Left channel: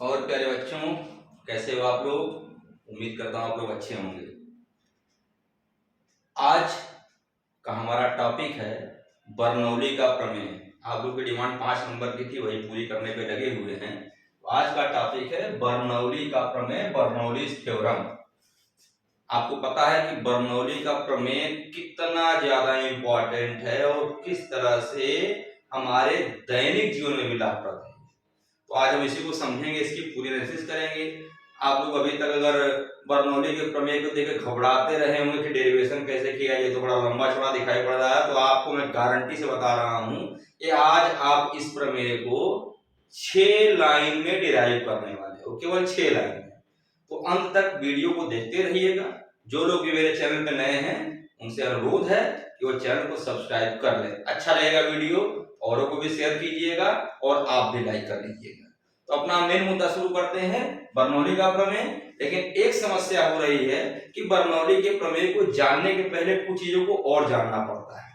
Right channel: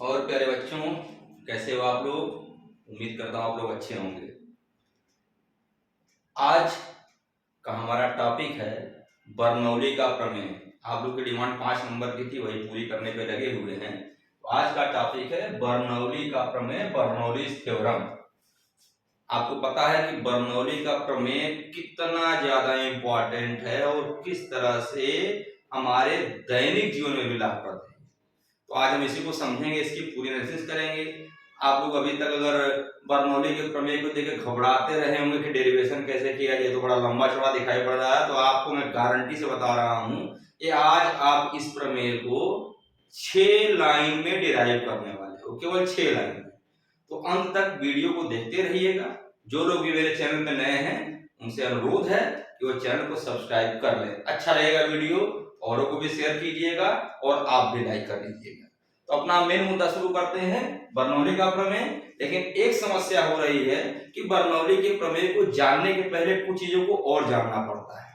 और प्यारे बच्चों, कैसे हो आप लोग? उम्मीद करता हूँ आप लोग अच्छे होंगे। आज का हमारा टॉपिक है बर्नौली का प्रमेय। आप लोग की डिमांड 5 नंबर की थी, वही पूरी करने पे लगे हुए हैं। तो आज का टॉपिक है बर्नौली का प्रमेय, बर्नौलीज थ्योरम। आपको पता है कि बर्नौली का प्रमेय कितना ज्यादा इंपॉर्टेंट है और किस तरह से हमारे दैनिक जीवन में भी लाभप्रद है। तो आज हम इसी को समझेंगे, इसकी पूरी एनालिसिस करेंगे। आप लोग अभी तक अगर बर्नौली के प्रमेय को देख घबराते रहे होंगे कि डेरिवेशन कैसे किया जाए, तो बड़ा लंबा चौड़ा दिखाई पड़ रहा है, तो आपको मैं गारंटी से बता रहा हूं कि आज आप इस प्रमेय को 6 लाइन में डिराइव करने वाले हो, केवल 6 लाइन में। तो अंत तक वीडियो को देखते रहिएगा। जो लोग भी मेरे चैनल पे नए हैं उनसे अनुरोध है कि वो चैनल को सब्सक्राइब कर लें। अच्छा रहेगा वीडियो, औरों को भी शेयर कीजिएगा और आप भी लाइक कर लीजिएगा। तो अपना मेन मुद्दा शुरू करते हैं, बर्नौली का प्रमेय। लेकिन एक समस्या हो रही है कि बर्नौली के प्रमेय को जानने के पहले कुछ चीजों को और जानना पड़ता है।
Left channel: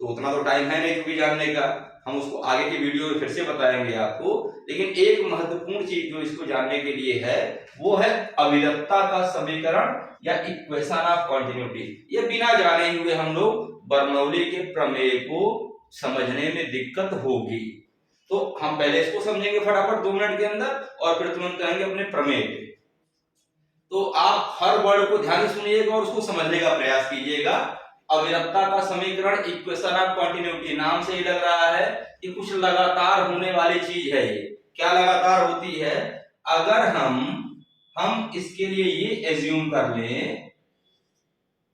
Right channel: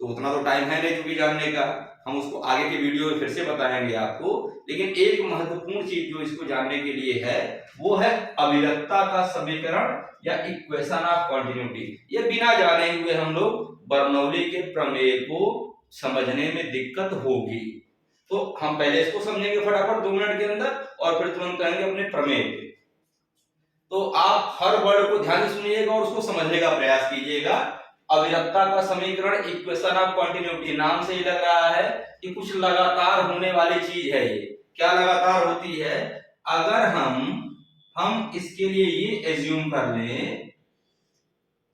तो उतना तो टाइम है नहीं क्योंकि जानने का, हम उसको आगे की वीडियो में फिर से बताएंगे आपको। लेकिन एक महत्वपूर्ण चीज जो इसको जानने के लिए है वो है अविरतता का समीकरण या इक्वेशन ऑफ कंटिन्यूटी। ये बिना जाने हुए हम लोग बर्नौली के प्रमेय को समझने में दिक्कत होगी। तो हम पहले इसको समझेंगे फटाफट 2 मिनट के अंदर और फिर तुरंत आएंगे अपने प्रमेय पे। तो आप हर वर्ड को ध्यान से सुनिएगा और उसको समझने का प्रयास कीजिएगा। अविरतता का समीकरण, इक्वेशन ऑफ कंटिन्यूटी, नाम से ही लग रहा है कि कुछ लगातार होने वाली चीज है। ये क्या लगातार होती है? अगर हम इसके लिए ये एज्यूम कर लें,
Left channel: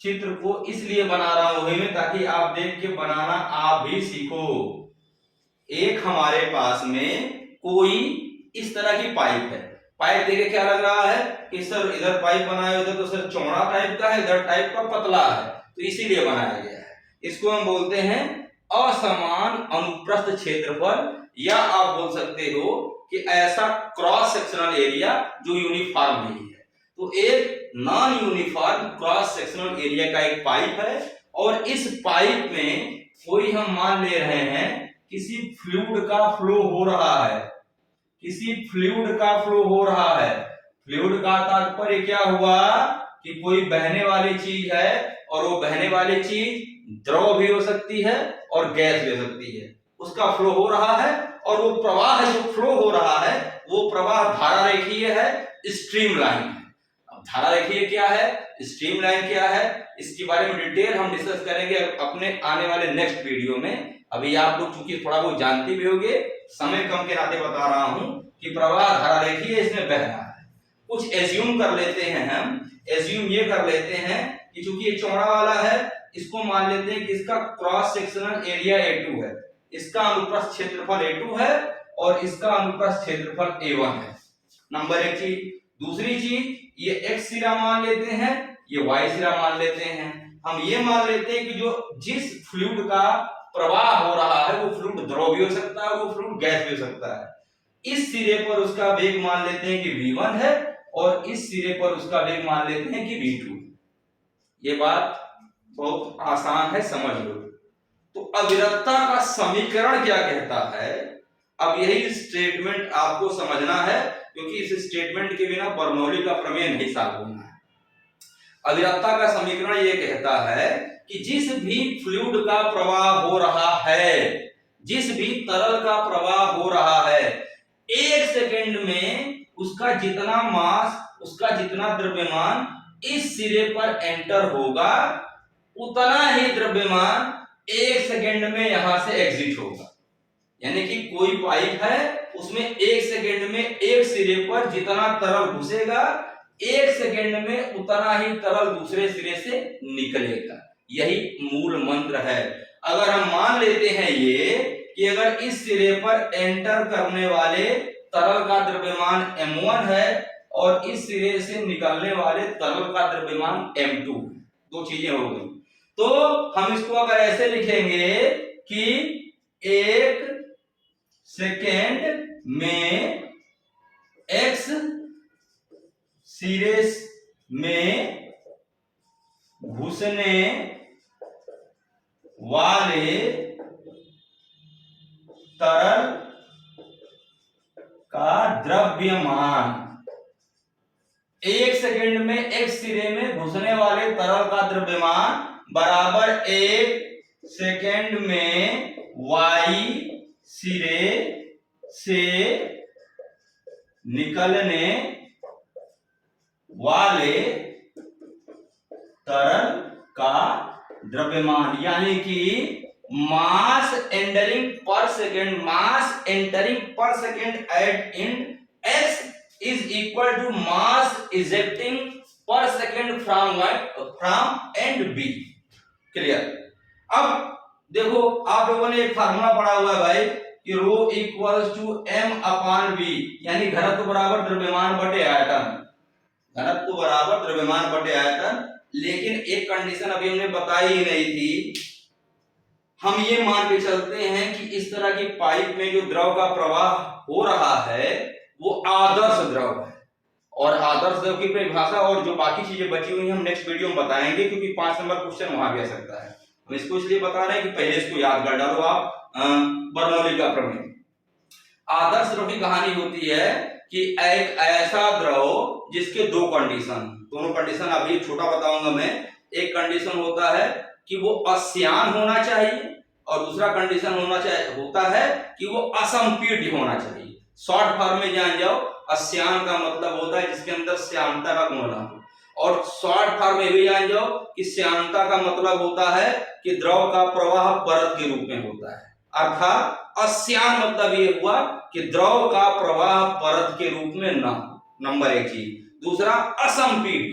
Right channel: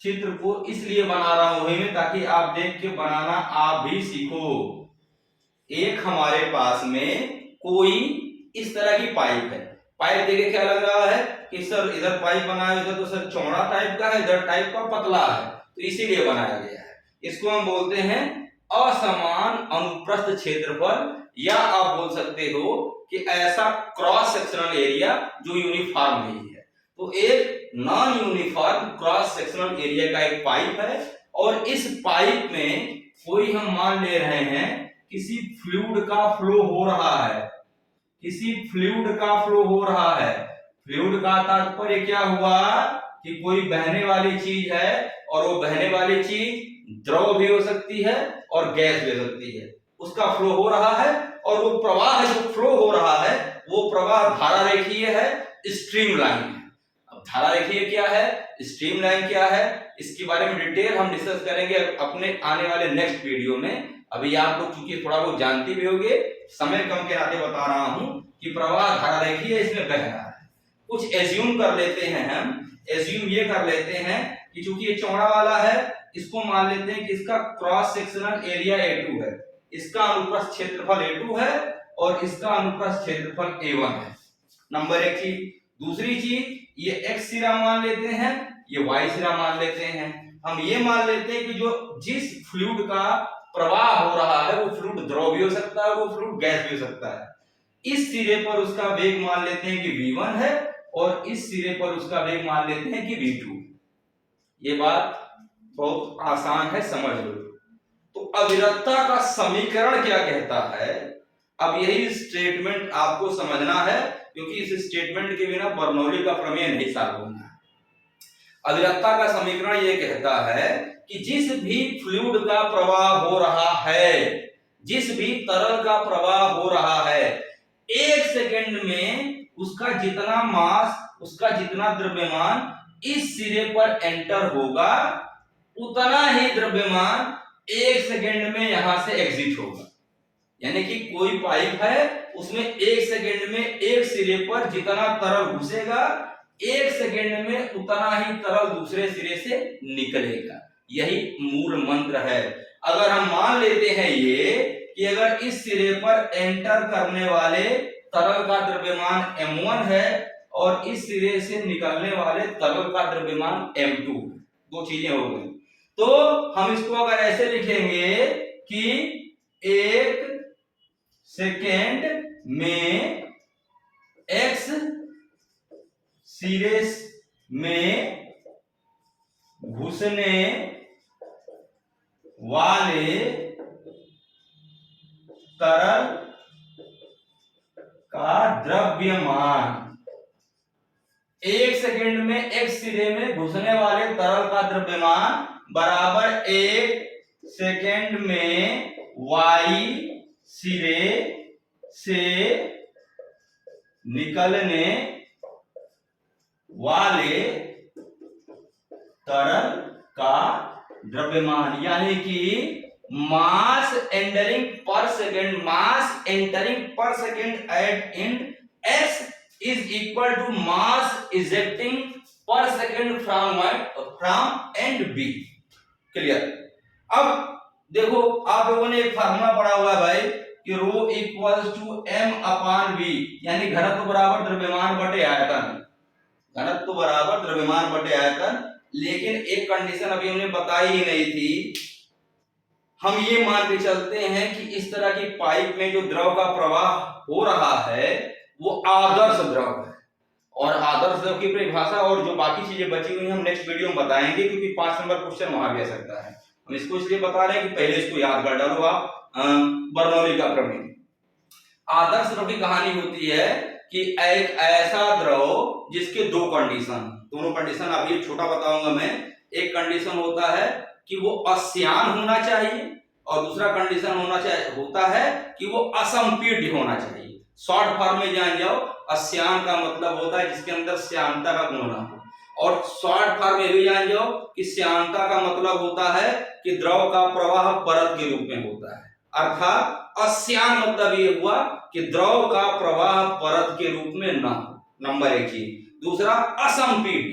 चित्र को इसलिए बना रहा हूं मैं ताकि आप देख के बनाना आप भी सीखो। एक हमारे पास में कोई इस तरह की पाइप है। पाइप देखे क्या लग रहा है कि सर इधर पाइप बनाया, इधर तो सर चौड़ा टाइप का है, इधर टाइप का पतला है, तो इसीलिए बनाया गया है। इसको हम बोलते हैं असमान अनुप्रस्थ क्षेत्रफल, या आप बोल सकते हो कि ऐसा क्रॉस सेक्शनल एरिया जो यूनिफॉर्म नहीं है। तो एक non uniform cross sectional area का एक पाइप है और इस पाइप में कोई हम मान ले रहे हैं किसी फ्लूइड का फ्लो हो रहा है, किसी फ्लूइड का फ्लो हो रहा है। फ्लूइड का तात्पर्य क्या हुआ कि कोई बहने वाली चीज है और वो बहने वाली चीज द्रव भी हो सकती है और गैस भी हो सकती है। उसका फ्लो हो रहा है और वो प्रवाह जो फ्लो हो रहा है वो प्रवाह धारा रेखीय है, स्ट्रीम लाइन है। अब धारा रेखीय क्या है, स्ट्रीम लाइन क्या है, इसके बारे में डिटेल हम डिस्कस करेंगे अपने आने वाले नेक्स्ट वीडियो में। अभी आप लोग चूंकि थोड़ा बहुत जानते भी होंगे, समय कम के नाते बता रहा हूं कि प्रवाह धारा रेखीय इसमें बह रहा है। कुछ एज्यूम कर लेते हैं, हम एज्यूम ये कर लेते हैं कि चूंकि ये चौड़ा वाला है, इसको मान लेते हैं कि इसका क्रॉस सेक्शनल एरिया A2 है, इसका अनुप्रस्थ क्षेत्रफल A2 है और इसका अनुप्रस्थ क्षेत्रफल A1 है। नंबर एक चीज। दूसरी चीज, ये x सिरा मान लेते हैं, ये y सिरा मान लेते हैं। हम ये मान लेते हैं कि जो जिस फ्लूइड का प्रवाह हो रहा है वो फ्लूइड द्रव भी हो सकता है, वो फ्लूइड गैस भी हो सकता है। इस सिरे पर उसका वेग मान लेते हैं कि v1 है और इस सिरे पर उसका वेग मान लेते हैं कि v2। ये बात बहुत आसान है, समझ लो। तो अविरतता का समीकरण क्या कहता है, अब यही स्टेटमेंट आपको समझना है क्योंकि इस स्टेटमेंट के बिना बर्नौली का प्रमेय नहीं सॉल्व होना है। अविरतता का समीकरण ये कहता है कि जिस भी फ्लूइड का प्रवाह हो रहा है, जिस भी तरल का प्रवाह हो रहा है, 1 सेकंड में उसका जितना मास, उसका जितना द्रव्यमान इस सिरे पर एंटर होगा, उतना ही द्रव्यमान 1 सेकंड में यहां से एग्जिट होगा। यानी कि कोई पाइप है, उसमें 1 सेकंड में एक सिरे पर जितना तरल घुसेगा, 1 सेकंड में उतना ही तरल दूसरे सिरे से निकलेगा। यही मूल मंत्र है। अगर हम मान लेते हैं ये कि अगर इस सिरे पर एंटर करने वाले तरल का द्रव्यमान m1 है और इस सिरे से निकलने वाले तरल का द्रव्यमान m2, दो चीजें हो गई। तो हम इसको अगर ऐसे लिखेंगे कि 1 सेकेंड में x सिरे में घुसने वाले तरल का द्रव्यमान, एक सेकंड में एक सिरे में घुसने वाले तरल का द्रव्यमान बराबर एक सेकंड में y सिरे से निकलने वाले तरल का द्रव्यमान, यानी कि mass entering per second, mass entering per second at in s is equal to mass ejecting per second from end b। Clear? अब देखो आप लोगों ने एक फार्मूला पढ़ा हुआ है भाई कि rho equals to m upon v, यानी घनत्व बराबर द्रव्यमान बटे आयतन, घनत्व बराबर द्रव्यमान बटे आयतन। लेकिन एक कंडीशन अभी हमने बताई ही नहीं थी, हम ये मान के चलते हैं कि इस तरह की पाइप में जो द्रव का प्रवाह हो रहा है वो आदर्श द्रव है, और आदर्श द्रव की परिभाषा और जो बाकी चीजें बची हुई हम नेक्स्ट वीडियो में बताएंगे, क्योंकि 5 नंबर क्वेश्चन वहां भी आ सकता है। हम इसको इसलिए बता रहे हैं कि पहले इसको याद कर डालो आप। बर्नौली का प्रमेय, आदर्श द्रव की कहानी होती है कि एक ऐसा द्रव जिसके दो कंडीशन, दोनों कंडीशन अभी छोटा बताऊंगा मैं। एक कंडीशन होता है कि वो अश्यान होना चाहिए, और दूसरा कंडीशन होता है कि वो असंपीड्य होना चाहिए। शॉर्ट फॉर्म में जान जाओ, अश्यान का मतलब होता है जिसके अंदर श्यानता का गुण ना हो, और शॉर्ट फॉर्म में भी जान जाओ कि श्यानता का मतलब होता है कि द्रव का प्रवाह परत के रूप में होता है। अर्थात अश्यान मतलब ये हुआ कि द्रव का प्रवाह परत के रूप में ना हो, नंबर एक चीज। दूसरा असंपीड्य,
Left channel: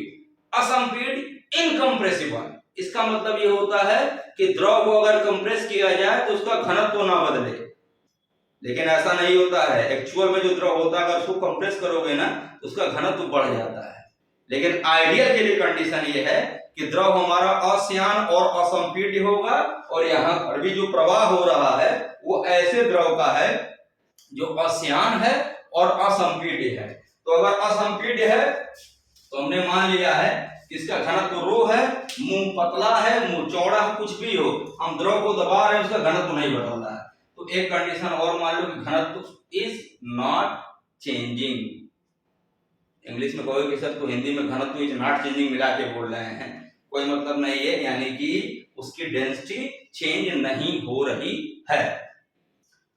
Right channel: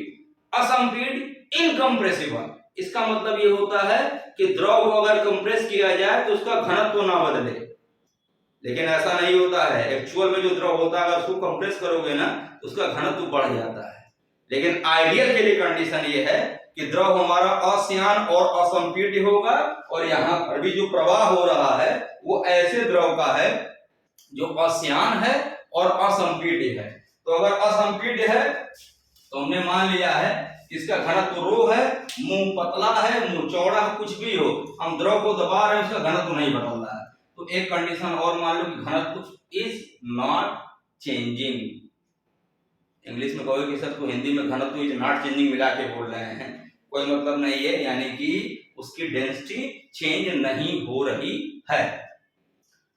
असंपीड्य इनकम्प्रेसिबल, इसका मतलब ये होता है कि द्रव को अगर कंप्रेस किया जाए तो उसका घनत्व ना बदले। लेकिन ऐसा नहीं होता है, एक्चुअल में जो द्रव होता है अगर उसको कंप्रेस करोगे ना तो उसका घनत्व बढ़ जाता है। लेकिन आइडियल के लिए कंडीशन ये है कि द्रव हमारा अश्यान और असंपीड्य होगा, और यहाँ पर भी जो प्रवाह हो रहा है वो ऐसे द्रव का है जो अश्यान है और असंपीड्य है। तो अगर असंपीड्य है तो हमने मान लिया है इसका घनत्व रो है, मुंह पतला है, मुंह चौड़ा है, कुछ भी हो, हम द्रव को दबा रहे हैं, उसका घनत्व नहीं बदल रहा है। तो एक कंडीशन और मान लो कि घनत्व इज नॉट चेंजिंग। इंग्लिश में कहोगे कि सर तो हिंदी में घनत्व इज नॉट चेंजिंग मिला के बोल रहे हैं, कोई मतलब नहीं है, यानी कि उसकी डेंसिटी चेंज नहीं हो रही है।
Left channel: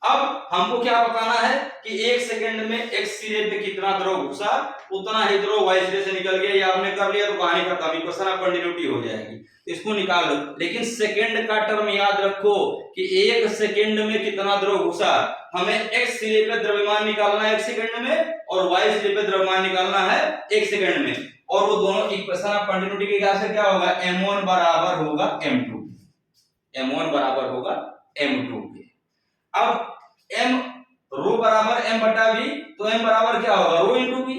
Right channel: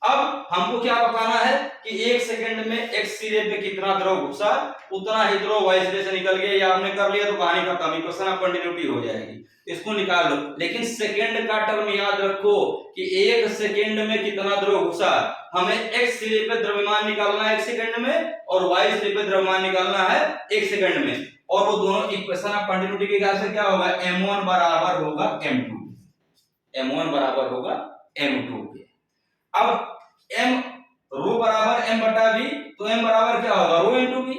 अब हमको क्या बताना है कि एक सेकंड में एक्स सिरे पे कितना द्रव घुसा, उतना ही द्रव वाई सिरे से निकल गया। या आपने कर लिया तो कहानी खत्म, इक्वेशन ऑफ कंटिन्यूटी हो जाएगी, इसको निकाल लो। लेकिन सेकंड का टर्म याद रखो कि एक सेकंड में कितना द्रव घुसा, हमें एक्स सिरे पे द्रव्यमान निकालना है एक सेकंड में, और वाई सिरे पे द्रव्यमान निकालना है एक सेकंड में, और वो दोनों इक्वेशन ऑफ कंटिन्यूटी के हिसाब से क्या होगा, m1 बराबर होगा m2, m1 बराबर होगा m2 के। अब m रो बराबर m बटा v, तो m बराबर क्या होगा, रो इंटू v।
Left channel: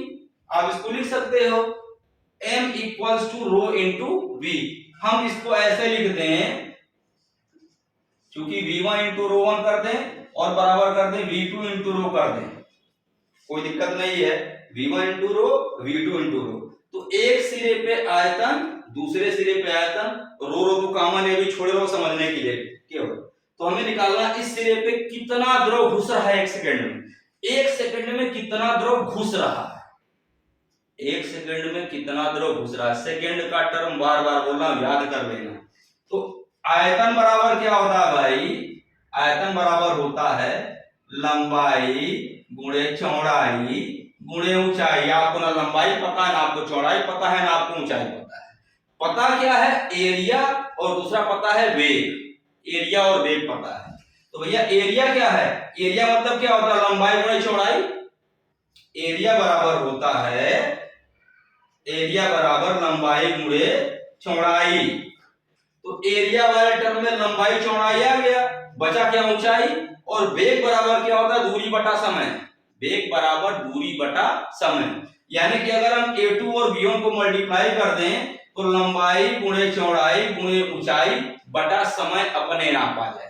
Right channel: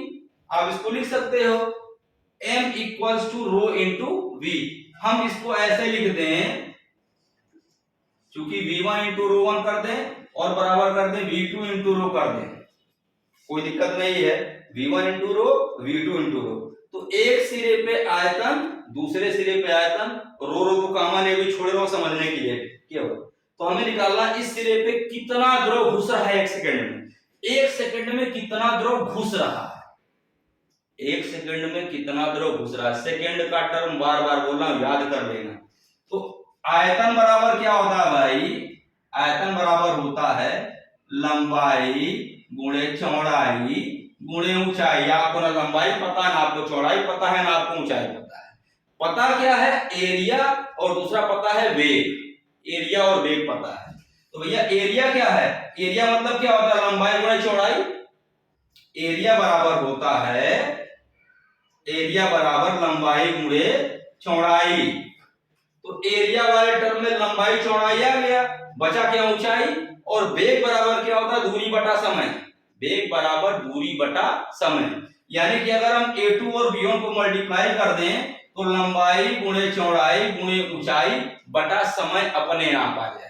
आप इसको लिख सकते हो m equals to rho into v। हम इसको ऐसे लिख दें, चूंकि v1 इंटू रो 1 कर दें और बराबर कर दें v2 इंटू रो कर दें, कोई दिक्कत नहीं है, v1 into rho v2 into rho. तो एक सिरे पे आयतन, दूसरे सिरे पे आयतन, रो रो तो कॉमन है, भी छोड़ रहा हूं समझने के लिए केवल। तो हमें निकालना इस सिरे पे कितना द्रव घुस रहा है एक सेकंड में, एक सेकंड में कितना द्रव घुस रहा है, एक सेकंड में कितना द्रव घुस रहा है। सेकंड का टर्म बार बार बोलना, याद कर लेना। तो आयतन बराबर क्या होता है भाई, आयतन बराबर होता है लंबाई गुणे चौड़ाई गुणे ऊंचाई। आपको ना लंबाई पता है, ना आपको चौड़ाई पता है, ना आपको ऊंचाई पता है। पता क्या है, एरिया, और दूसरा पता है वेग, एरिया और वेग पता है। तो भैया एरिया क्या है, एरिया मतलब क्या होता है, लंबाई गुणे चौड़ाई। एरिया बराबर होता है, एरिया बराबर लंबाई गुणे चौड़ाई। तो एरिया वाले टर्म में लंबाई चौड़ाई आ गया, बचा क्या, ऊंचाई। और वेग बराबर क्या होता है, दूरी बटा समय, वेग बराबर दूरी बटा समय। यानी कि अगर हम a2 और b1 को मल्टीप्लाई कर दें तो लंबाई गुणे चौड़ाई गुणे ऊंचाई बटा समय अपने आप आ जाएगा।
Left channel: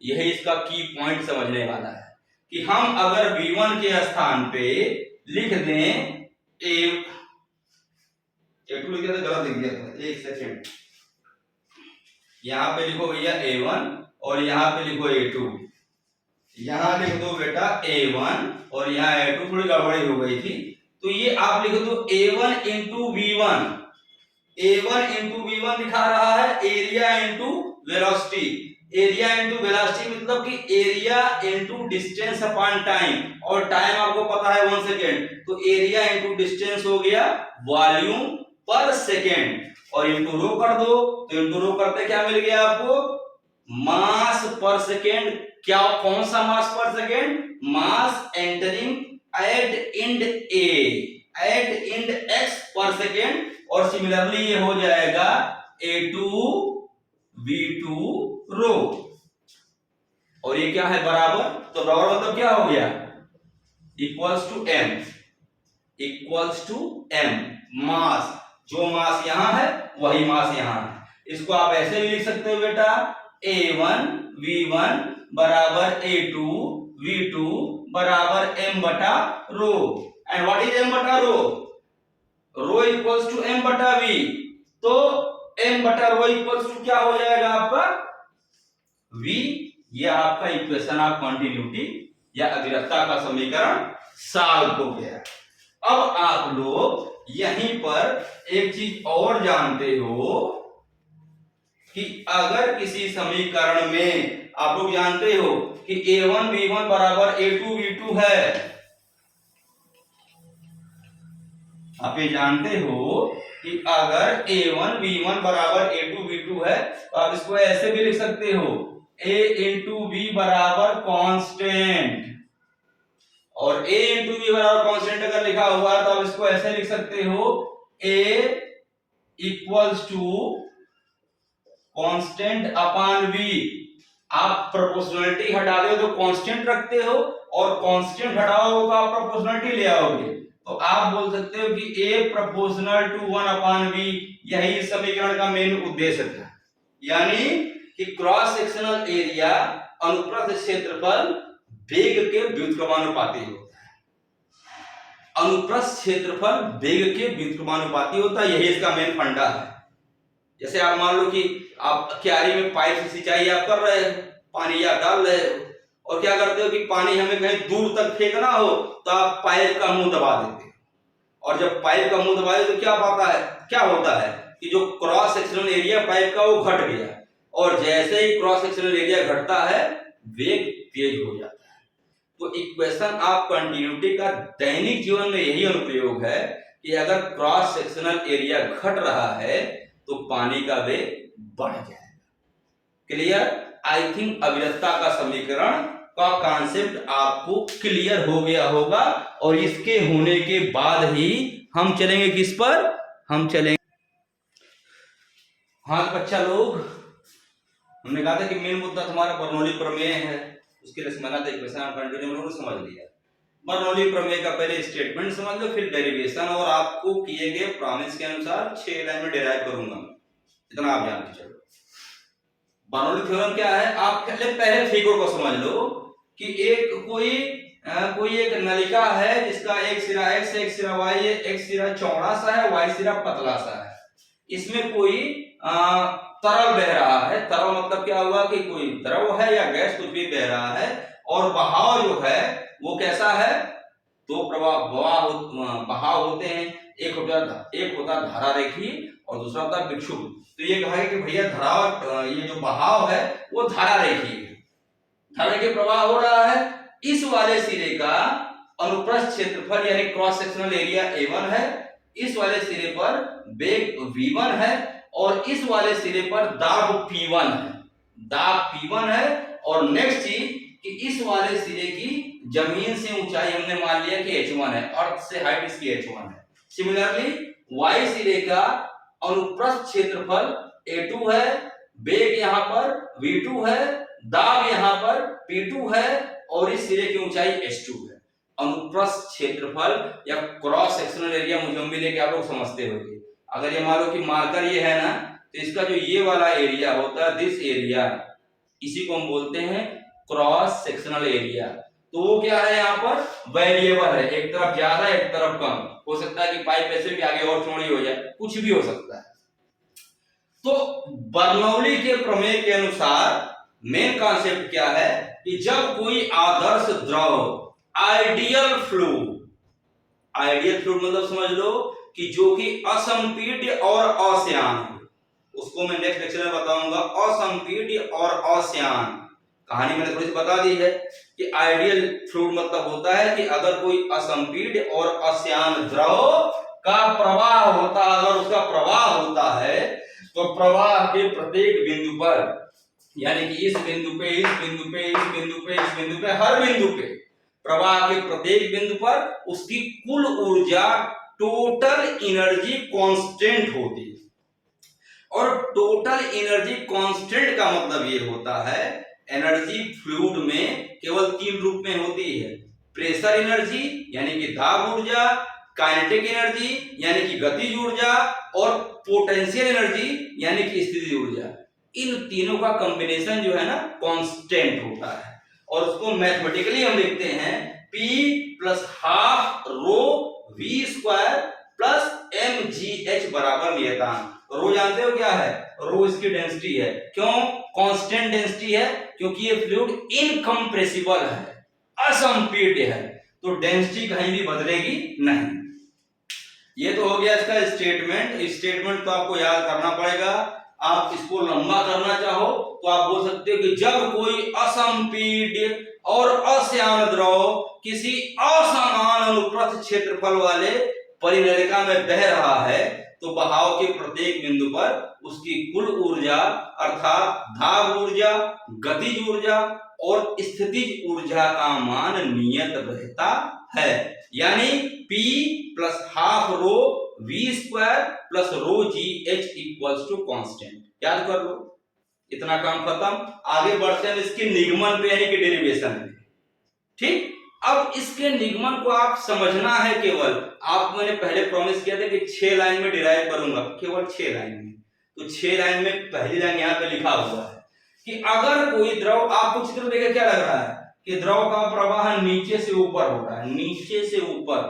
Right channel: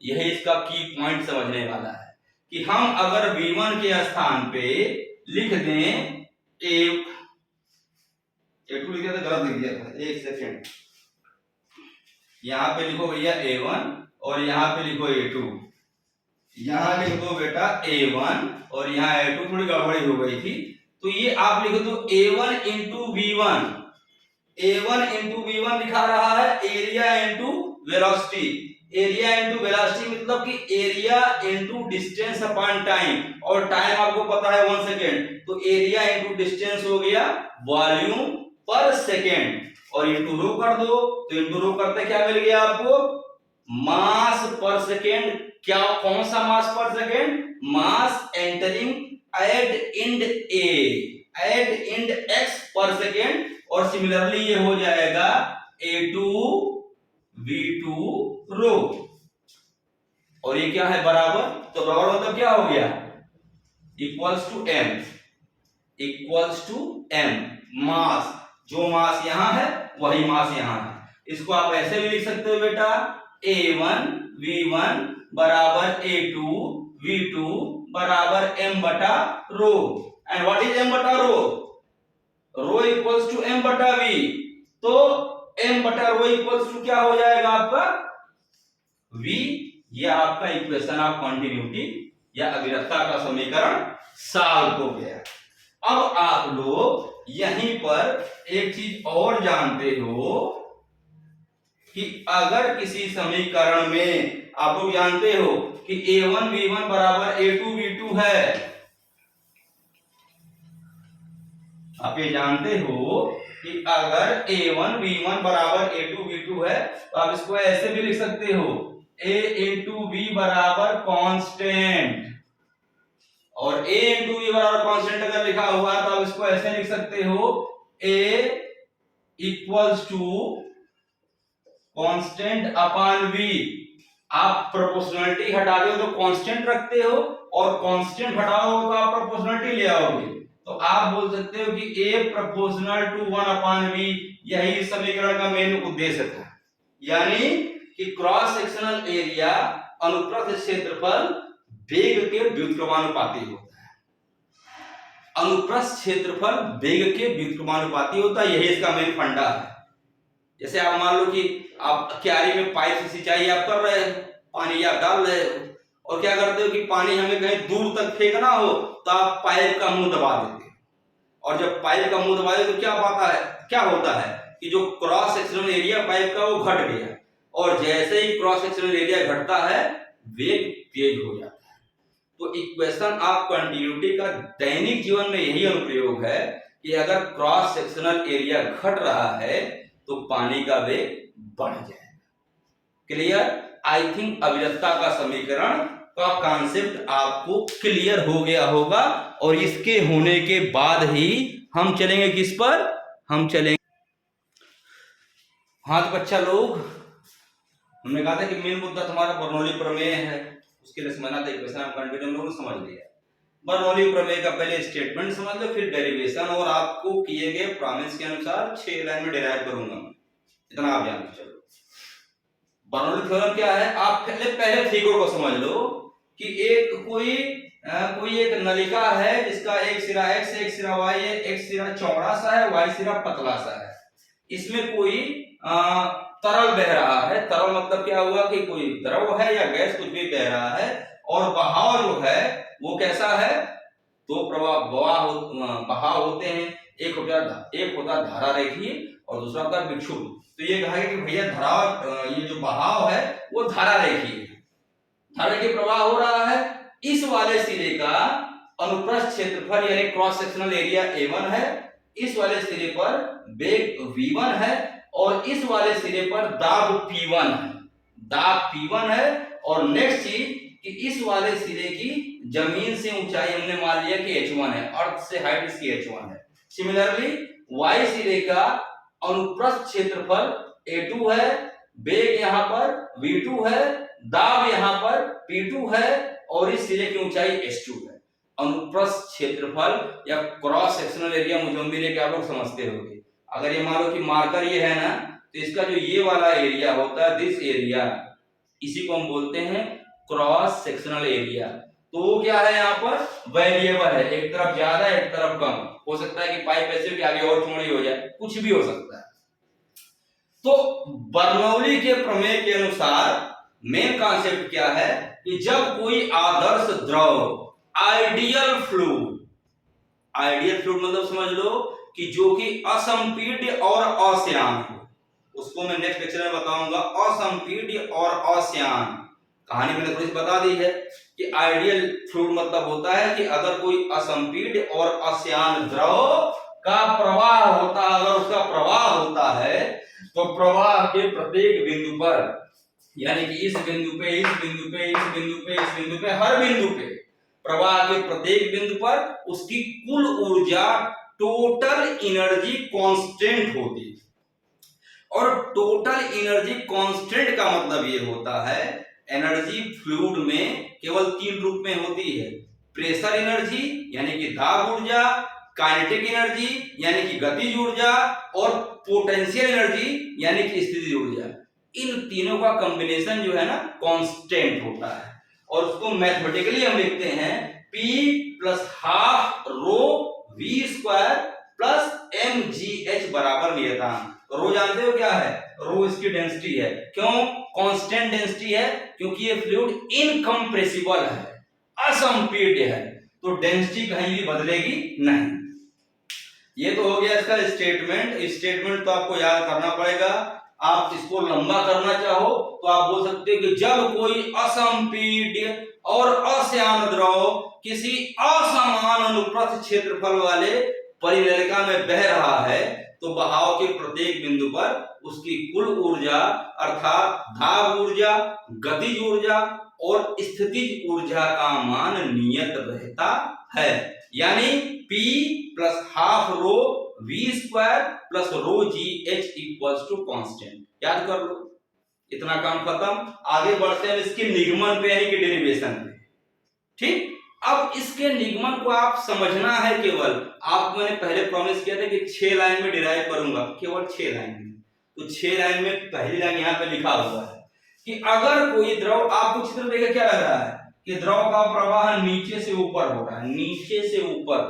यही इसका की पॉइंट समझने वाला है कि हम अगर v1 के स्थान पे लिख दें a2 लिख दिया था, गलत लिख दिया था, एक सेकेंड, यहां पे लिखो भैया a1 और यहां पे लिखो a2। यहाँ लिख दो बेटा A1 और यहाँ A2, थोड़ी गड़बड़ी हो गई थी, तो ये आप लिख दो A1 into V1। A1 into V1 दिखा रहा है area into velocity. Area into velocity मतलब कि area into distance upon time, और टाइम आपको पता है 1 सेकेंड, तो एरिया इंटू डिस्टेंस हो गया वॉल्यूम पर सेकेंड, और इंटू रो कर दो, तो इंटू रो करते क्या मिल गया आपको, मास पर सेकेंड। क्या, कौन सा मास पर second, mass entering eight Ind A, eight end x पर सेकेंड, और सिमिलरली ये हो जाएगा A2 V2 रो, और ये क्या है बराबर, तो बराबर मतलब क्या हो गया, equals to m, equals to m, mass, जो मास यहां है वही मास यहां है। इसको आप ऐसे भी लिख सकते हो बेटा, A1 V1 बराबर A2 V2 बराबर m बटा रो, एंड व्हाट इज m बटा रो, रो इक्वल्स टू m बटा v, तो m बटा रो इक्वल्स टू क्या हो जाएगा आपका v। ये आपका इक्वेशन ऑफ कंटिन्यूटी या अविरतता का समीकरण सॉल्व हो गया। अब आप लोग यहीं पर एक चीज और जानते हो कि अगर किसी समीकरण में आप लोग जानते हो कि A1 V1 बराबर A2 V2 है, आप ये जानते हो कि अगर A1 V1 बराबर A2 V2 है, तो आप इसको ऐसे भी लिख सकते हो A इंटू V बराबर कांस्टेंट, और A इंटू V बराबर कांस्टेंट अगर लिखा हुआ है तो आप इसको ऐसे लिख सकते हो A equals to constant upon V। आप प्रोपोर्शनलिटी हटा दो तो कांस्टेंट रखते हो, और कांस्टेंट हटाओ तो आप प्रोपोर्शनलिटी ले आओगे, तो आप बोल सकते हो कि A proportional to 1 upon V। यही इस समीकरण का मेन उद्देश्य था, यानी कि क्रॉस सेक्शनल एरिया अनुप्रस्थ क्षेत्रफल वेग के व्युत्क्रमानुपाती होता है, अनुप्रस्थ क्षेत्रफल वेग के व्युत्क्रमानुपाती होता है, यही इसका मेन फंडा है। जैसे आप मान लो कि आप क्यारी में पाइप से सिंचाई आप कर रहे हो, पानी आप डाल रहे हो, और क्या करते हो कि पानी हमें कहीं दूर तक फेंकना हो तो आप पाइप का मुंह दबा देते हो, और जब पाइप का मुंह दबाए तो क्या पाता है, क्या होता है कि जो क्रॉस सेक्शनल एरिया पाइप का वो घट गया, और जैसे ही क्रॉस सेक्शनल एरिया घटता है वेग तेज हो जाता है। तो इक्वेशन ऑफ कंटिन्यूटी का दैनिक जीवन में यही अनुप्रयोग है कि अगर क्रॉस सेक्शनल एरिया घट रहा है तो पानी का वेग बढ़ जाएगा। क्लियर? आई थिंक अविरतता का समीकरण का कॉन्सेप्ट आपको क्लियर हो गया होगा, और इसके होने के बाद ही हम चलेंगे किस पर, हम चलेंगे, हाँ बच्चा लोग, हमने कहा था कि मेन मुद्दा तुम्हारा बर्नौली प्रमेय है, उसके लिए समझना था इक्वेशन ऑफ कंटिन्यूटी, हम लोगों ने समझ लिया। बर्नौली प्रमेय का पहले स्टेटमेंट समझ लो, फिर डेरिवेशन, और आपको किए गए प्रॉमिस के अनुसार 6 लाइन में डेराइव करूंगा, इतना आप जानते चलो। बर्नौली थ्योरम क्या है, आप पहले फिगर को समझ लो कि एक कोई एक नलिका है जिसका एक सिरा x एक सिरा y है, एक सिरा चौड़ा सा है, y सिरा पतला सा है, इसमें कोई तरल बह रहा है। तरल मतलब क्या हुआ कि कोई द्रव है या गैस कुछ भी बह रहा है, और बहाव जो है वो कैसा है, दो बहाव होते हैं, एक होता धारा रेखीय और दूसरा होता विक्षुब्ध। तो ये कहा कि भैया धारा, ये जो बहाव है वो धारा रेखीय है, धारा के प्रवाह हो रहा है, इस वाले सिरे का अनुप्रस्थ क्षेत्रफल यानी क्रॉस सेक्शनल एरिया A1 है, इस वाले सिरे पर वेग V1 है, और इस वाले सिरे पर दाब P1 है, दाब P1 है। और नेक्स्ट चीज कि इस वाले सिरे की जमीन से ऊंचाई हमने मान लिया कि h1 है, अर्थ से हाइट इसकी h1 है। सिमिलरली y सिरे का अनुप्रस्थ क्षेत्रफल A2 है, वेग यहां पर V2 है, दाब यहां पर P2 है, और इस सिरे की ऊंचाई h2 है। अनुप्रस्थ क्षेत्रफल या क्रॉस सेक्शनल एरिया मुझे उम्मीद है कि आप लोग समझते होंगे। अगर ये मान लो कि मार्कर ये है ना, तो इसका जो ये वाला एरिया होता है, दिस एरिया, इसी को हम बोलते हैं क्रॉस सेक्शनल एरिया। तो वो क्या है, यहाँ पर वेरिएबल है, एक तरफ ज्यादा एक तरफ कम, हो सकता है कि पाइप ऐसे भी आगे और चौड़ी हो जाए, कुछ भी हो सकता है। तो बर्नौली के प्रमेय के अनुसार मेन कॉन्सेप्ट क्या है कि जब कोई आदर्श द्रव, आइडियल फ्लूइड, आइडियल फ्लूइड मतलब समझ लो कि जो कि असंपीड्य और अश्यान हो, उसको मैं नेक्स्ट लेक्चर में बताऊंगा। असंपीड्य और अश्यान, कहानी मैंने थोड़ी सी बता दी है कि आइडियल फ्लूइड मतलब होता है कि अगर कोई असंपीड्य और अश्यान द्रव का प्रवाह होता, अगर उसका प्रवाह होता है तो प्रवाह के प्रत्येक बिंदु पर, यानी कि इस बिंदु पे, इस बिंदु पे, इस बिंदु पे, इस बिंदु पे, हर बिंदु पे, प्रवाह के प्रत्येक बिंदु पर उसकी कुल ऊर्जा, टोटल एनर्जी कांस्टेंट होती है। और टोटल एनर्जी कांस्टेंट का मतलब ये होता है, एनर्जी फ्लूइड में केवल 3 रूप में होती है। प्रेशर एनर्जी यानी कि दाब ऊर्जा, काइनेटिक एनर्जी यानी कि गतिज ऊर्जा, और पोटेंशियल एनर्जी यानी कि स्थितिज ऊर्जा। इन तीनों का कॉम्बिनेशन जो है ना कांस्टेंट होता है, और उसको मैथमेटिकली हम लिखते हैं P plus half rho V square plus mgh बराबर नियतांक। रो जानते हो क्या है? रो इसकी डेंसिटी है। क्यों कांस्टेंट डेंसिटी है? क्योंकि ये फ्लूइड इनकम्प्रेसिबल है, असंपीड्य है, तो डेंसिटी कहीं भी बदलेगी नहीं। ये तो हो गया इसका स्टेटमेंट। स्टेटमेंट तो आपको याद करना पड़ेगा। आप इसको लंबा करना चाहो तो आप बोल सकते हो कि जब कोई असंपीड्य और अश्यान द्रव किसी असमान अनुप्रस्थ क्षेत्रफल वाले परिरेखा में बह रहा है तो बहाव के प्रत्येक बिंदु पर उसकी कुल ऊर्जा अर्थात दाब ऊर्जा, गतिज ऊर्जा और स्थितिज ऊर्जा का मान नियत रहता है। यानी P plus half rho V square plus rho GH equals to constant. याद कर लो, इतना काम खत्म। आगे बढ़ते हैं इसके निगमन पे यानी कि डेरिवेशन पे। ठीक, अब इसके निगमन को आप समझना है। केवल आप, मैंने पहले प्रॉमिस किया था कि 6 लाइन में डिराइव करूंगा, केवल 6 लाइन में। तो 6 लाइन में पहली लाइन यहाँ पे लिखा हुआ है कि अगर कोई द्रव, आपको चित्र देखे क्या लग रहा है कि द्रव का प्रवाह नीचे से ऊपर हो रहा है, नीचे से ऊपर।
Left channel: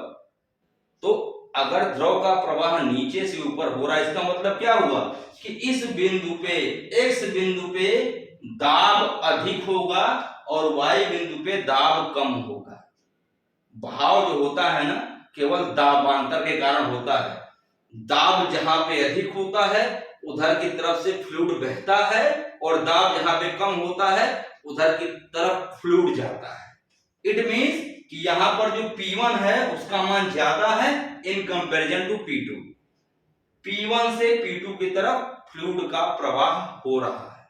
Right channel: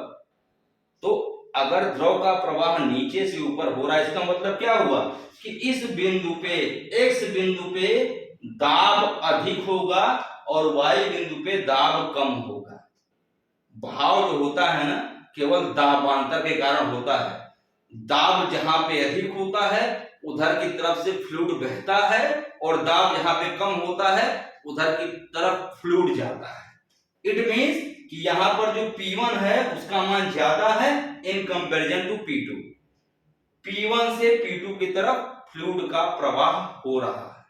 तो अगर द्रव का प्रवाह नीचे से ऊपर हो रहा है, इसका मतलब क्या हुआ कि इस बिंदु पे, x बिंदु पे दाब अधिक होगा और y बिंदु पे दाब कम होगा। बहाव जो होता है ना केवल दाबांतर के कारण होता है। दाब जहां पे अधिक होता है उधर की तरफ से फ्लूइड बहता है, और दाब जहां पे कम होता है उधर की तरफ फ्लूइड जाता है। इट मींस कि यहां पर जो P1 है उसका मान ज्यादा है in comparison to P2। P1 से P2 की तरफ फ्लूइड का प्रवाह हो रहा है।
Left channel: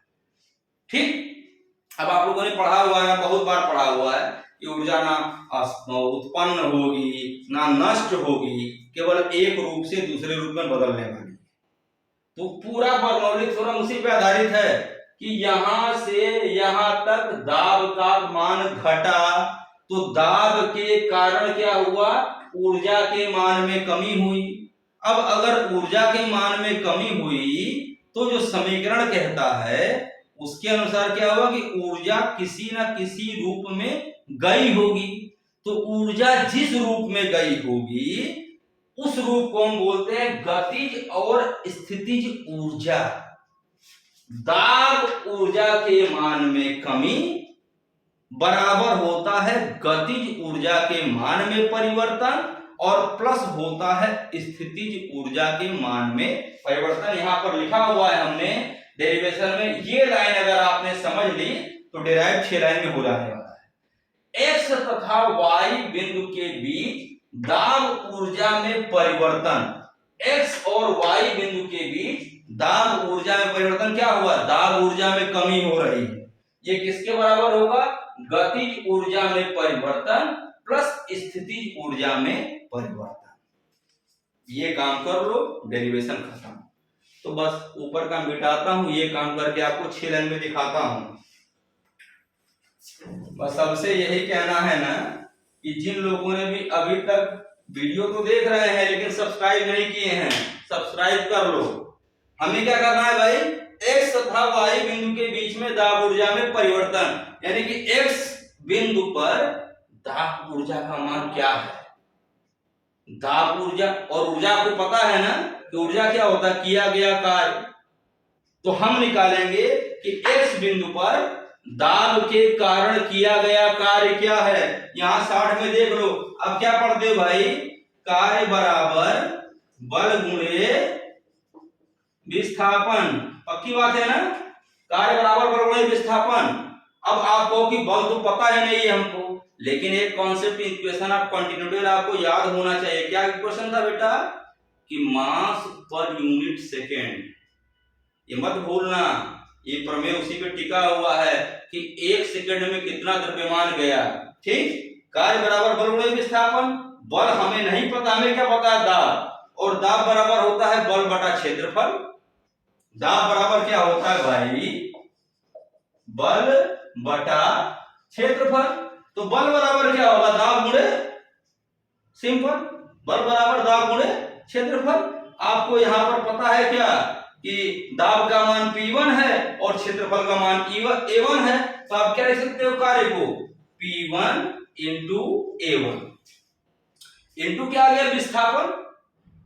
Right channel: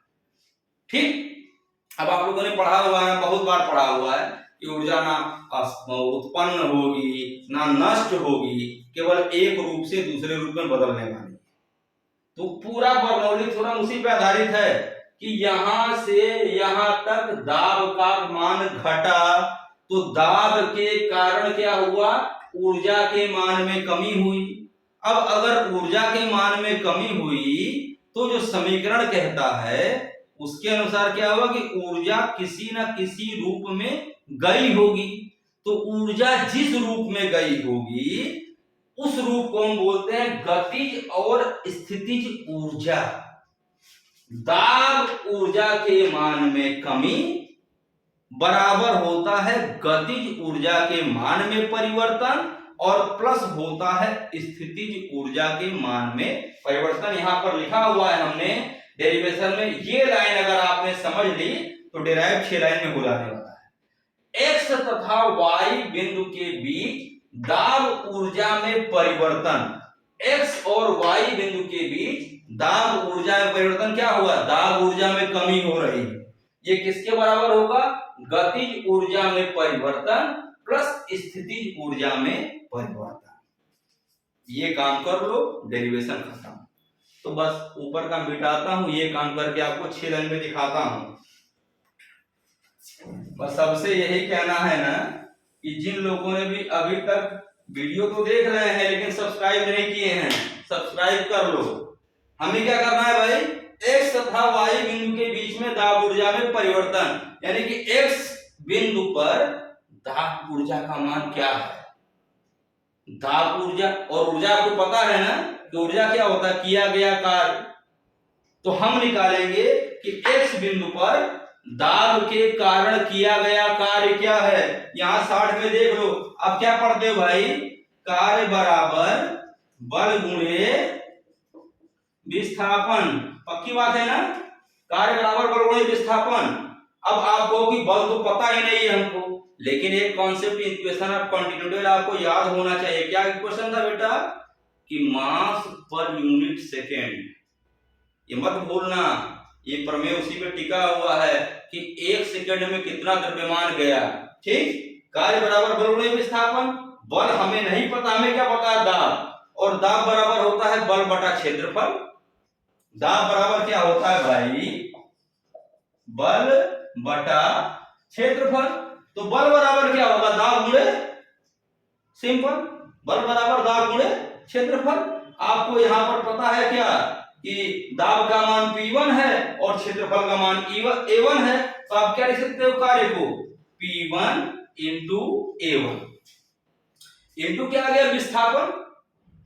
ठीक, अब आप लोगों ने पढ़ा हुआ है, बहुत बार पढ़ा हुआ है कि ऊर्जा ना उत्पन्न होगी ना नष्ट होगी, केवल एक रूप से दूसरे रूप में बदलने वाली। तो पूरा बर्नौली थ्योरम उसी पे आधारित है कि यहां से यहां तक दाब का मान घटा, तो दाब के कारण क्या हुआ, ऊर्जा के मान में कमी हुई। अब अगर ऊर्जा के मान में कमी हुई तो जो समीकरण कहता है उसके अनुसार क्या हुआ कि ऊर्जा किसी न किसी रूप में गई होगी। तो ऊर्जा जिस रूप में गई होगी उस रूप को हम बोलते हैं गतिज और स्थितिज ऊर्जा। दाब ऊर्जा के मान में कमी बराबर होता है गतिज ऊर्जा के मान में परिवर्तन, और प्लस होता है स्थितिज ऊर्जा के मान में परिवर्तन। यहां पर लिखा हुआ है हमने डेरिवेशन में। ये लाइन अगर आपने समझ ली तो डिराइव 6 लाइन में हो जाने वाला है। x तथा y बिंदु के बीच दाब ऊर्जा में परिवर्तन, x और y बिंदु के बीच दाब ऊर्जा में परिवर्तन क्या हुआ, दाब ऊर्जा में कमी हो रही है। ये किसके बराबर होगा, गतिज ऊर्जा में परिवर्तन प्लस स्थितिज ऊर्जा में परिवर्तन। ये काम कर लो, डेरिवेशन खत्म। तो बस ऊपर का मिटाता हूं, ये काम करके आपको 6 लाइन में दिखाता हूं। बस सबसे यही कहना है ना कि जिन लोगों ने भी अभी तक वीडियो को देख रहे हैं लेकिन सब्सक्राइब नहीं किए हैं, सब्सक्राइब कर लो। हमें क्या करना है भाई, x तथा y बिंदु के बीच में दाब ऊर्जा में परिवर्तन, यानी कि x बिंदु पर दाब ऊर्जा का मान क्या है, दाब ऊर्जा। और ऊर्जा आपको पता है ना कि ऊर्जा क्या होता है, किया गया कार्य। तो हम निकालेंगे कि x बिंदु पर दाब के कारण किया गया कार्य क्या है। यहाँ 60 में देख लो, अब क्या पढ़ते हो भाई, कार्य बराबर बल गुणे विस्थापन, पक्की बात है ना, कार्य बराबर बल गुणे विस्थापन। अब आप कहो कि बल तो पता ही नहीं है हमको, लेकिन एक कॉन्सेप्ट इक्वेशन ऑफ कंटिन्यूटी आपको याद होना चाहिए। क्या इक्वेशन था बेटा, कि मास पर यूनिट सेकेंड, ये मत भूलना, ये प्रमेय उसी पे टिका हुआ है कि 1 सेकंड में कितना द्रव्यमान गया। ठीक, कार्य बराबर बल गुणे विस्थापन, बल हमें नहीं पता, हमें क्या पता है, दाब, और दाब बराबर होता है बल बटा क्षेत्रफल। दाब बराबर क्या होता है भाई, बल बटा क्षेत्रफल। तो बल बराबर क्या होगा, दाब गुणे, सिंपल, बल बराबर दाब गुणे क्षेत्रफल। आपको यहां पर पता है क्या कि दाब का मान P1 है और क्षेत्रफल का मान A1 है, तो आप क्या लिख सकते हो कार्य को, P1 इंटू A1 इंटू क्या आ गया, विस्थापन,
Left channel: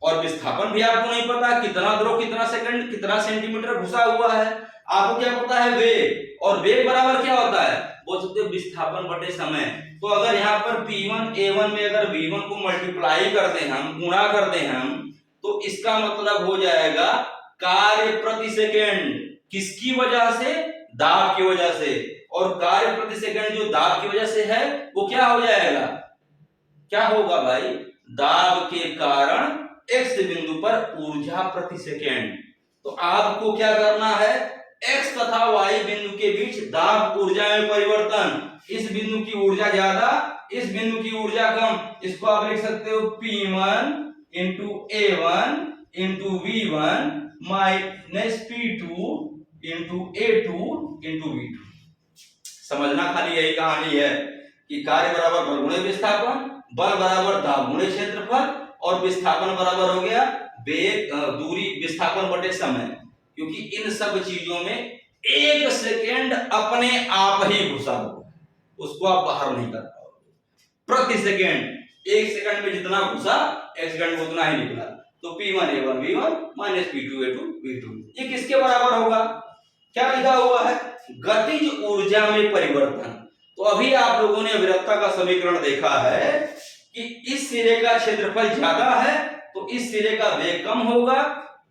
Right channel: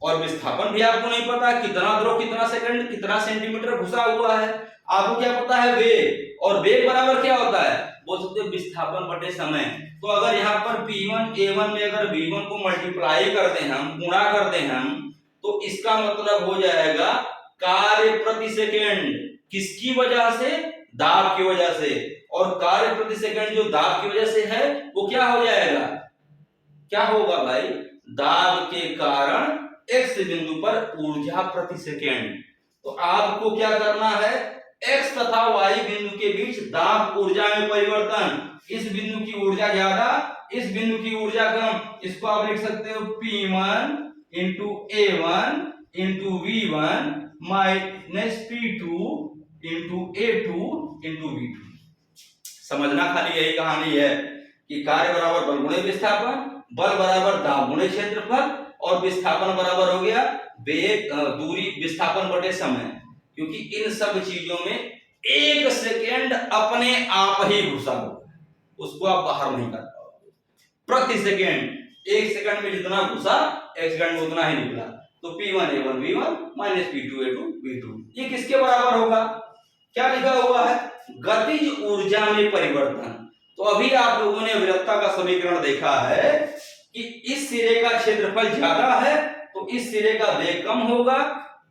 और विस्थापन भी आपको नहीं पता, कितना द्रव कितना सेकंड कितना सेंटीमीटर घुसा हुआ है। आपको क्या पता है, वेग, और वेग बराबर क्या होता है, बोल सकते हो विस्थापन बटे समय। तो अगर यहाँ पर P1 A1 में अगर V1 को मल्टीप्लाई करते हैं हम, गुणा करते हैं हम, तो इसका मतलब हो जाएगा कार्य प्रति सेकंड, किसकी वजह से, दाब की वजह से, और कार्य प्रति सेकंड जो दाब की वजह से है वो क्या हो जाएगा, क्या होगा भाई, दाब के कारण x बिंदु पर ऊर्जा प्रति सेकंड। तो आपको क्या करना है, x तथा y बिंदु के बीच दाब ऊर्जा में परिवर्तन, इस बिंदु की ऊर्जा ज्यादा, इस बिंदु की ऊर्जा कम, इसको आप लिख सकते हो P1 into A1 into V1 minus P2 into A2 into V2। समझना खाली यही कहानी है कि कार्य बराबर बल गुणे विस्थापन, बल बराबर दाब गुणे क्षेत्रफल, और विस्थापन बराबर हो गया वेग दूरी विस्थापन बटे समय, क्योंकि इन सब चीजों में 1 सेकेंड अपने आप ही घुसा हुआ है, उसको आप बाहर नहीं कर पाओगे। प्रति सेकेंड 1 सेकंड में जितना घुसा 1 सेकंड में उतना ही निकला। तो P1 A1 V1 minus P2 A2 V2, ये किसके बराबर होगा, क्या लिखा हुआ है, गतिज ऊर्जा में परिवर्तन। तो अभी आप लोगों ने अविरतता का समीकरण देखा है कि इस सिरे का क्षेत्रफल ज्यादा है तो इस सिरे का वेग कम होगा,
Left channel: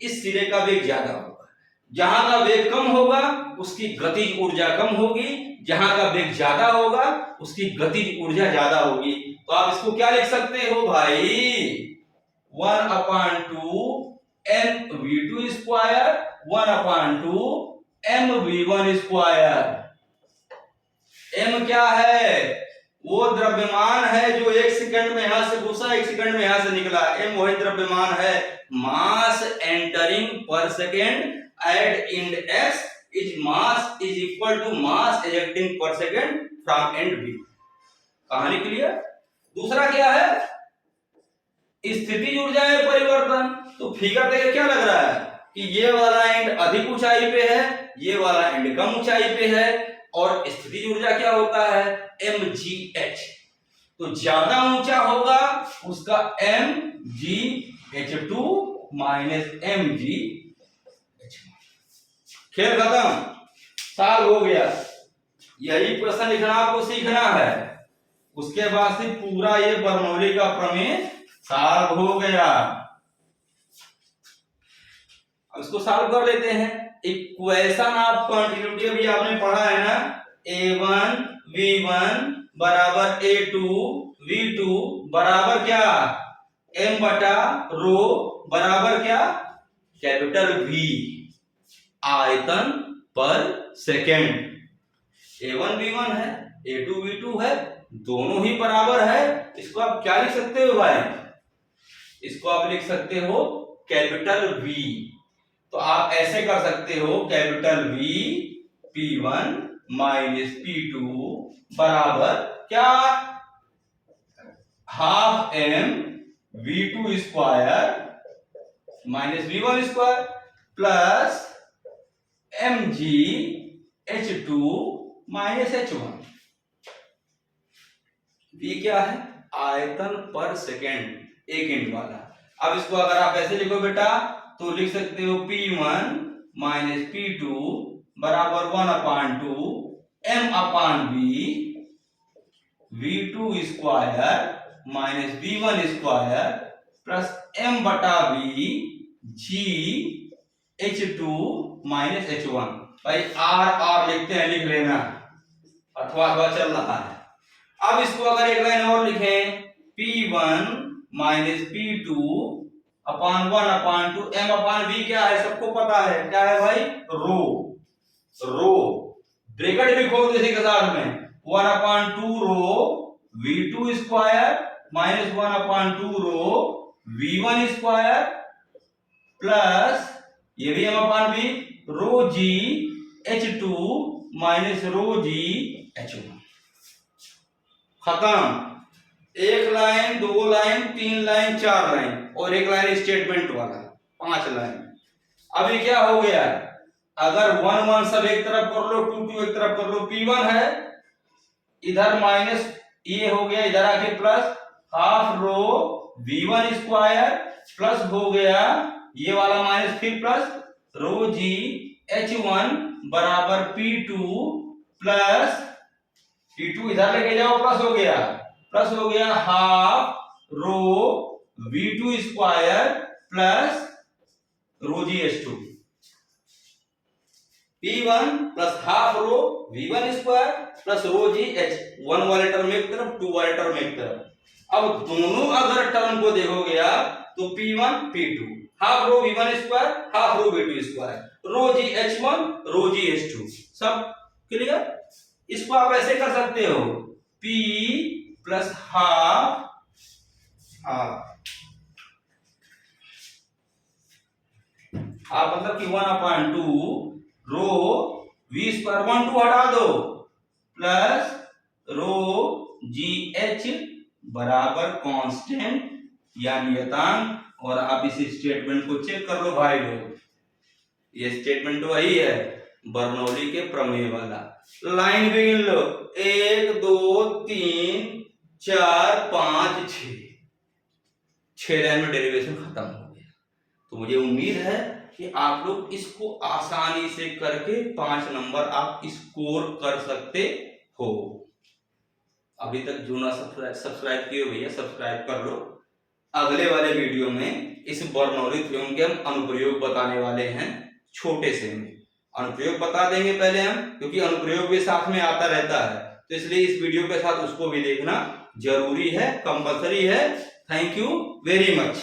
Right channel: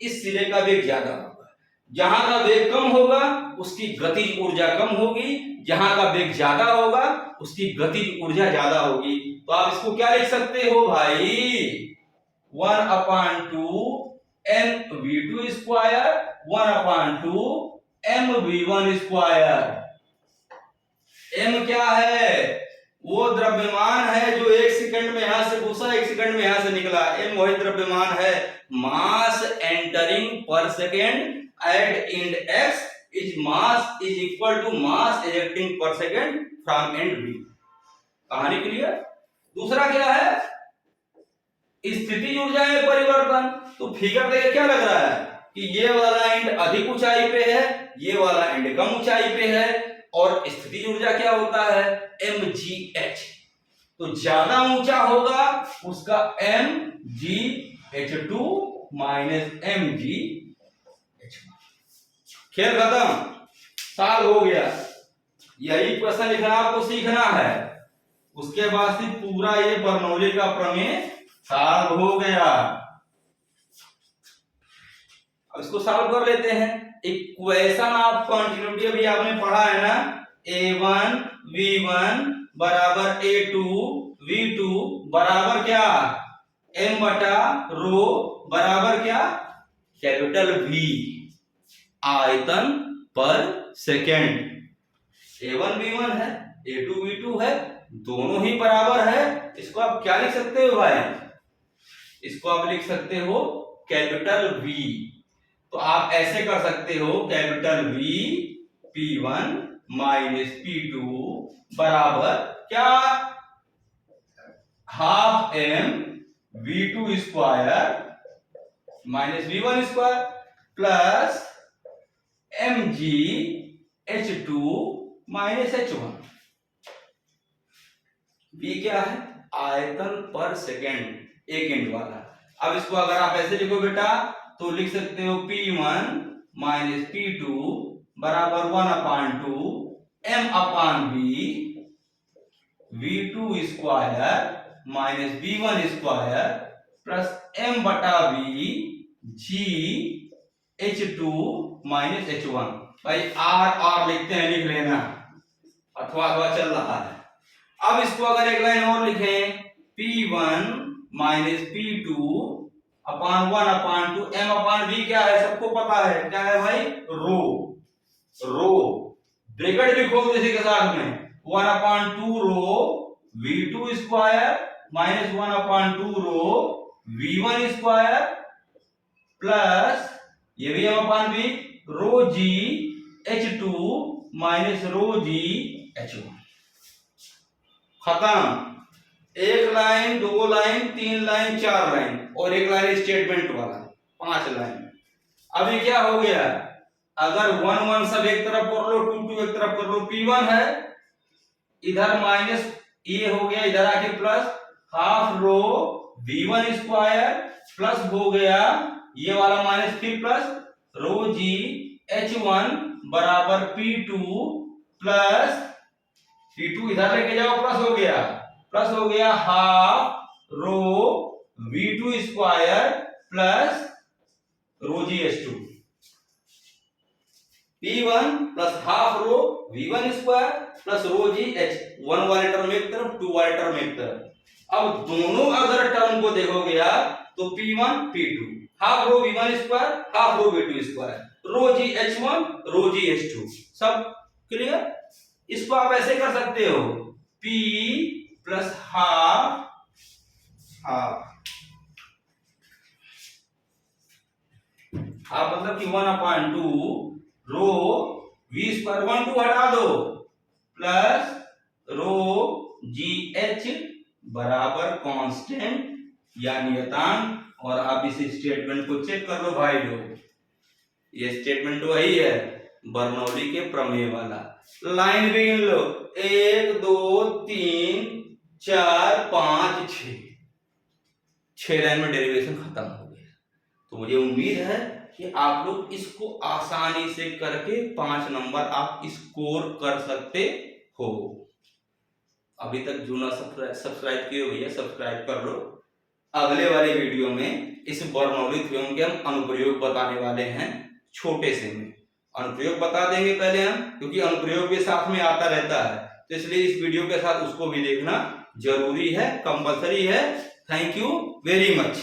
इस सिरे का वेग ज्यादा होगा। जहां का वेग कम होगा उसकी गतिज ऊर्जा कम होगी, जहां का वेग ज्यादा होगा उसकी गतिज ऊर्जा ज्यादा होगी। तो आप इसको क्या लिख सकते हो भाई, 1/2 mv2 square 1/2 mv1 square. m क्या है, वो द्रव्यमान है जो 1 सेकंड में यहां से घुसा 1 सेकंड में यहां से निकला, m वही द्रव्यमान है। Mass entering per second at end x is mass is equal to mass ejecting per second from end b। कहानी क्लियर। दूसरा क्या है, स्थितिज ऊर्जा में परिवर्तन। तो फिगर देखिए क्या लग रहा है कि ये वाला एंड अधिक ऊंचाई पे है, ये वाला एंड कम ऊंचाई पे है, और स्थितिज ऊर्जा क्या होता है, mgh। तो ज्यादा ऊंचा होगा उसका mgh2 माइनस mgh1। खेल खत्म, साल हो गया। यही प्रश्न लिखना आपको सीखना है, उसके बाद से पूरा ये बर्नौली का प्रमेय सॉल्व हो गया। अब इसको सॉल्व कर लेते हैं। इक्वेशन ऑफ कंटिन्यूटी अभी आपने पढ़ा है ना, A1 V1 बराबर A2 V2 बराबर क्या, m बटा रो बराबर क्या, कैपिटल V, आयतन पर सेकेंड। A1 V1 है, A2 V2 है, दोनों ही बराबर है। इसको आप क्या लिख सकते हो भाई, इसको आप लिख सकते हो कैपिटल V। तो आप ऐसे कर सकते हो capital V P1 minus P2 बराबर क्या, half m V2 square minus V1 square plus mg H2 minus H1। V क्या है, आयतन पर सेकेंड, एक इंच वाला। अब इसको अगर आप ऐसे लिखो बेटा तो लिख सकते हो P1 माइनस P2 बराबर 1/2 m अपान v v2 square minus v1 square plus m बटा v g h2 minus h1। भाई r लिखते हैं, लिख लेना, अथवा चल रहा है। अब इसको अगर एक लाइन और लिखें, p1 माइनस p2 अपान 1 अपान 2 m अपान v क्या है, सबको पता है क्या है भाई, रो। ब्रैकेट भी खोल दो इसी के साथ में, 1 अपान 2 रो v2 स्क्वायर माइनस 1 अपान 2 रो v1 स्क्वायर प्लस ये भी m अपान v रो g h2 minus rho g h1। खत्म। एक लाइन, दो लाइन, तीन लाइन, चार लाइन और एक लाइन स्टेटमेंट वाला, 5 लाइन। अभी क्या हो गया, अगर 1 1 सब एक तरफ कर लो, 2 2 एक तरफ कर लो, p1 है इधर माइनस ये हो गया, इधर आके plus half rho v1 square plus हो गया ये वाला माइनस फिर प्लस रो g h1 बराबर p2 प्लस p2 इधर लेके जाओ, प्लस हो गया half rho v2 square plus रो g h2। p1 plus half rho v1 square plus रो g h1 वाले टर्म एक तरफ, 2 वाले टर्म एक तरफ। अब दोनों अगर टर्म को देखोगे आप तो p1 p2 half rho v1 square half rho v2 square rho g h1 rho g h2, सब क्लियर। इसको आप ऐसे कर सकते हो, p प्लस हाफ मतलब कि 1 अपान 2 रो v स्क्वायर 1 2 हटा दो प्लस रो जी एच बराबर कांस्टेंट या नियतांक। और आप इस स्टेटमेंट को चेक कर लो भाई लोग, ये स्टेटमेंट वही है बर्नौली के प्रमेय वाला। लाइन भी गिन लो, 1 2 3 4 5 6 लाइन में डेरिवेशन खत्म हो गया। तो मुझे उम्मीद है कि आप लोग इसको आसानी से करके 5 नंबर आप स्कोर कर सकते हो। अभी तक जो ना सब्सक्राइब किए भैया सब्सक्राइब कर लो। अगले वाले वीडियो में इस बर्नौली थ्योरम के हम अनुप्रयोग बताने वाले हैं, छोटे से में अनुप्रयोग बता देंगे पहले हम, क्योंकि अनुप्रयोग भी साथ में आता रहता है, तो इसलिए इस वीडियो के साथ उसको भी देखना जरूरी है, कंपलसरी है। Thank you very much.